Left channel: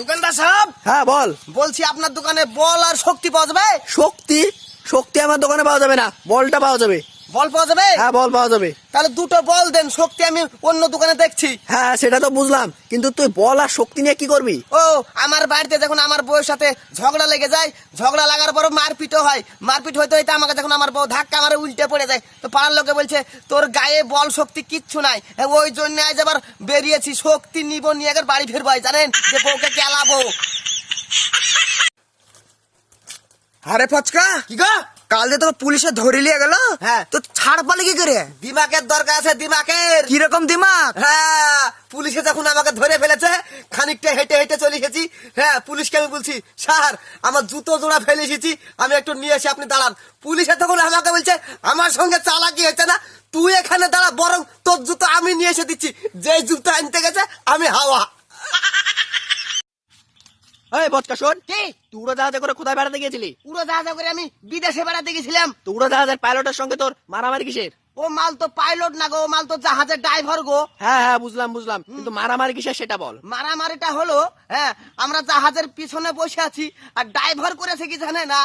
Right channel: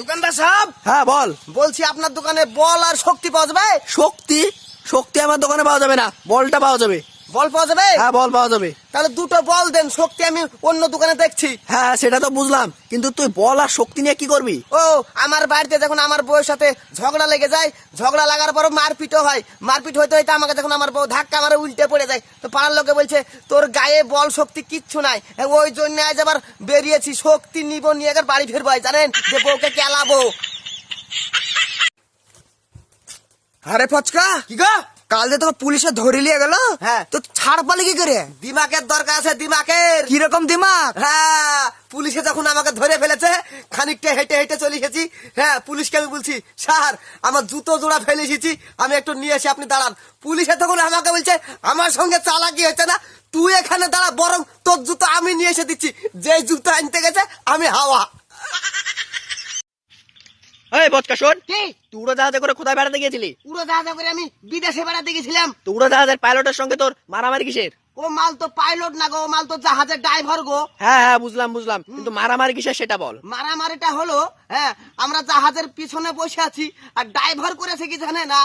দোকানদার সাহেব, হ্যাঁ বল। বলছি আপনার দোকানে বল আর শক্তি পাওয়া যাবে? শক্তি? শক্তি আমার দোকানে পাওয়া যাবে না, বলটা পাওয়া যাবে। বল পাওয়া যাবে? হ্যাঁ বল পাওয়া যাবে। তাহলে দুটো বল দেন, শক্তি আমি অন্য দোকানে দেখছি। হ্যাঁ সেটা তো বুঝলাম, কিন্তু তুই বল আর শক্তি নিয়ে কি করবি? ও, আমার বাড়িতে যখন আমার বউয়ের সাথে ঝগড়া লেগে যায়, ঝগড়া লাগার পর মারপিটও হয়, মারপিট হইতে হইতে আমাকে যখন আমার বউ ধাক্কা মারে উল্টে পড়ে যায়, তো পাড়ার লোকে বলছে তোর গায়ে বল শক্তি কিচ্ছু নাই, ওই জন্য আজ আবার বেরিয়েছি, শক্তি নিব, নিয়ে একবার বাড়ি ফিরবো, জানেন যে বউকে কেলাবো। আরে ফচকা, কি গো? কাল যে তোকে পুলিশে ধরে নিয়ে গেল, হ্যাঁ। তো ছাড় পালে কি করে? দিমাগের দরকার আছে, দিমাগের। কিরকম দিমাগ? হ্যাঁ, পুলিশে যখন আমাকে ধরে ফেলেছে, খানিকটা হেঁটে হেঁটে চলে এসেছি। হ্যাঁ, পুলিশকে আমি বলছি স্যার আমার জুতো জোড়া ফেলে এসেছি, আমি একটু নিয়ে এসে আপনি দাঁড়ান। পুলিশে তখন আমাকে বলছে আমার সঙ্গে চালাকি হয়েছে না, তুই এখানে দাঁড়া, বরং তোর জুতো আমি নিয়ে এসে দিচ্ছি। যে জুতো আনতে গেছে আমি হাওয়া। এই বচকা শোন, কি? তুই উড়োজাহাজে করে কোথায় বেড়াতে গিয়েছিলি? উড়োজাহাজে করে আমি বিদেশে বেড়াতে গেছিলাম। তো উড়োজাহাজের পাইলটের সঙ্গে তোর মারামারি কিসের? ও মাল তো পাইলট না গো, ও মাল তো জাহাজের ড্রাইভার গো। হ্যাঁ হ্যাঁ বুঝলাম বুঝলাম, কিন্তু মারামারি কিসের সেটা বল। মারামারিটা হলো, হ্যাঁ, আমরা জাহাজের পিছনে বসে আছি, আর ড্রাইভার করেছে কি জানে না,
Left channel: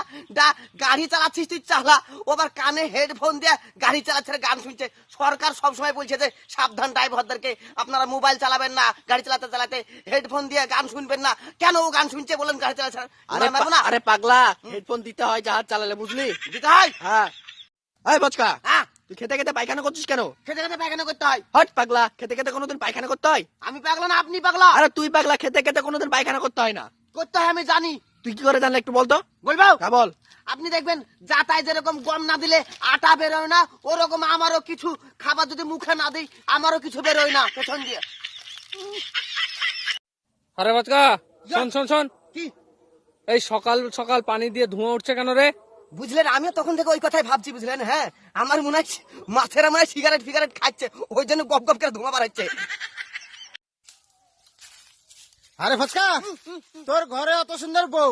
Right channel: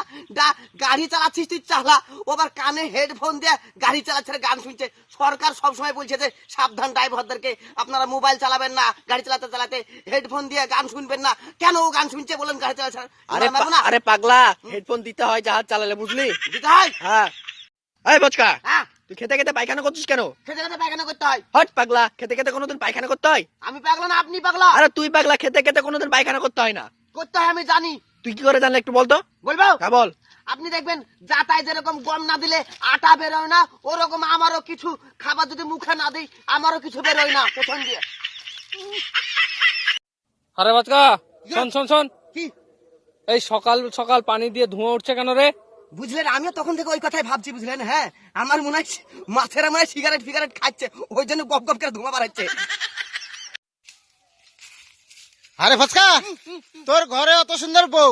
গাড়ি চালাচ্ছিস তুই চালা, ও আবার কানে হেডফোন দিয়ে গাড়ি চালাচ্ছে, গান শুনছে। সরকার সবসময় বলছে যে সাবধান ড্রাইভারদেরকে, আপনারা মোবাইল চালাবেন না, গাড়ি চালাতে চালাতে হেডফোন দিয়ে গান শুনবেন না। কেন ও গান শুনছে বলেন গাড়ি চালাচ্ছে? আরে পাগলা, হেডফোন দিতে হয় জাহাজ চালালে, বুঝলি? দিতে হয়। হ্যাঁ। এই বচকা, হ্যাঁ, তুই খেতে খেতে পায়খানা করছিস কেন? খেতে খেতে পায়খানা করতে হয়। হট পাগলা, খেতে খেতে কোনোদিন পায়খানা করতে হয়? আমি পাগলা না আপনি পাগলা? আরে তুই পাগলা, খেতে খেতে কোনোদিন পায়খানা করতে হয় না। করতে হয় আমি জানি। তুই কি করে জানলে একটু বলতো? বলবো? হ্যাঁ বল। আপনি দেখবেন যাতায় যেরকম গম না দিলে আটা বেরোয় না, ওরকম আমারও কিছু খাবার যদি মুখে না দিই আমারও কিছু বেরোয় না পেছন দিয়ে। আরে বাচ্চা, শোন শোন শোন, কি এই সকাল সকাল পানি দিয়ে ধোঁয়া উঠছে কেন রে? বুঝলেন, আমিও তখন থেকে ওই কথাই ভাবছি, বুঝলেন। হ্যাঁ, আমার মনে হয় মাছেরা মনে হয় সিগারেট খাচ্ছে, ওই জন্য গপ গপ করে ধোঁয়া বাড়াচ্ছে। আরে ফচকা, তোর ঘরে অত সুন্দর বউ,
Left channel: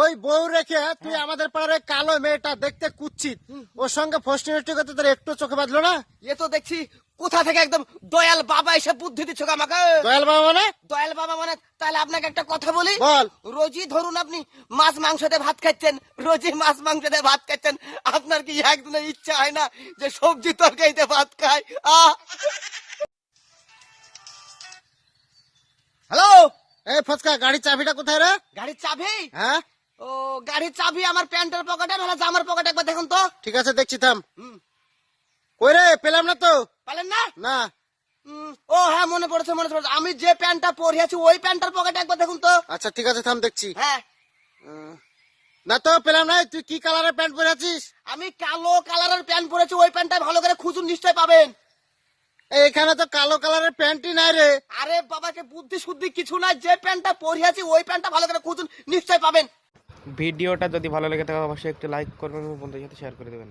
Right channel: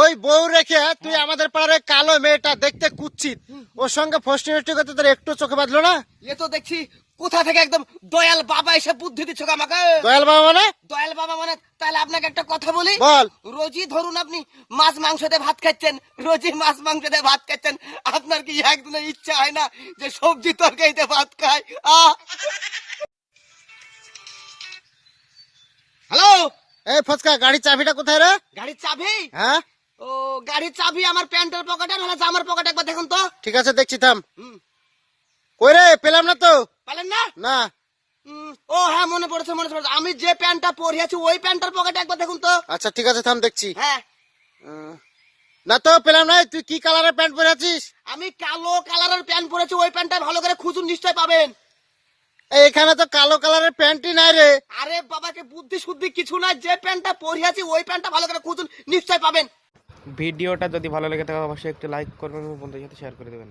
ওই বউ রেখে তুই আমাদের পাড়ার কালো মেয়েটা দেখতে কুচ্ছিত, ওর সঙ্গে ফষ্টি ফষ্টি করতে তোর একটু চোখে বাঁধলো না? এ তো দেখছি কোথা থেকে একদম দয়াল বাবা এসে বুদ্ধি দিচ্ছ আমাকে। দয়াল বাবা মানে? দয়াল বাবা মানে, তাহলে আপনাকে একটা কথা বলি। বল। রোজই ধরুন আপনি মাছ মাংস দিয়ে ভাত খাচ্ছেন, রোজই মাছ মাংস দিয়ে ভাত খাচ্ছেন, আপনার কি একদিনের ইচ্ছা হয় না যে সবজি তরকারিতে ভাত খায়? হ্যালো, এই ফচকা, গাড়ির চাবিটা কোথায় রে? গাড়ির চাবি? হ্যাঁ ও, গাড়ির চাবি আমার প্যান্টের পকেটে, নাহলে জামার পকেটে, একবার দেখুন তো। ঠিক আছে, দেখছি, থাম। কই রে, পেলাম না তো। পেলেন না? না। ও হ্যাঁ, মনে পড়েছে মনে পড়েছে, আমি যে প্যান্টটা পরিয়েছি ওই প্যান্টের পকেটে, একবার দেখুন তো। আচ্ছা ঠিক আছে, থাম, দেখছি। হ্যাঁ, না তো পেলাম না। তুই কি কালারের প্যান্ট পরে আছিস? আমি কালো কালারের প্যান্ট পরেছি, ওই প্যান্টটা ভালো করে খুঁজুন, নিশ্চয় পাবেন। এখানে তো কালো কালারের প্যান্টই নাই রে। আরে বাবাকে বুদ্ধি শুদ্ধি কিছু নাই, যে প্যান্টটা পরিয়েছি ওই প্যান্টটা ভালো করে খুঁজুন, নিশ্চয় পাবেন। ভিডিওটা যদি ভালো লেগে থাকে অবশ্যই একটু লাইক করবেন এবং বন্ধুদের সাথে শেয়ার করে দেবেন।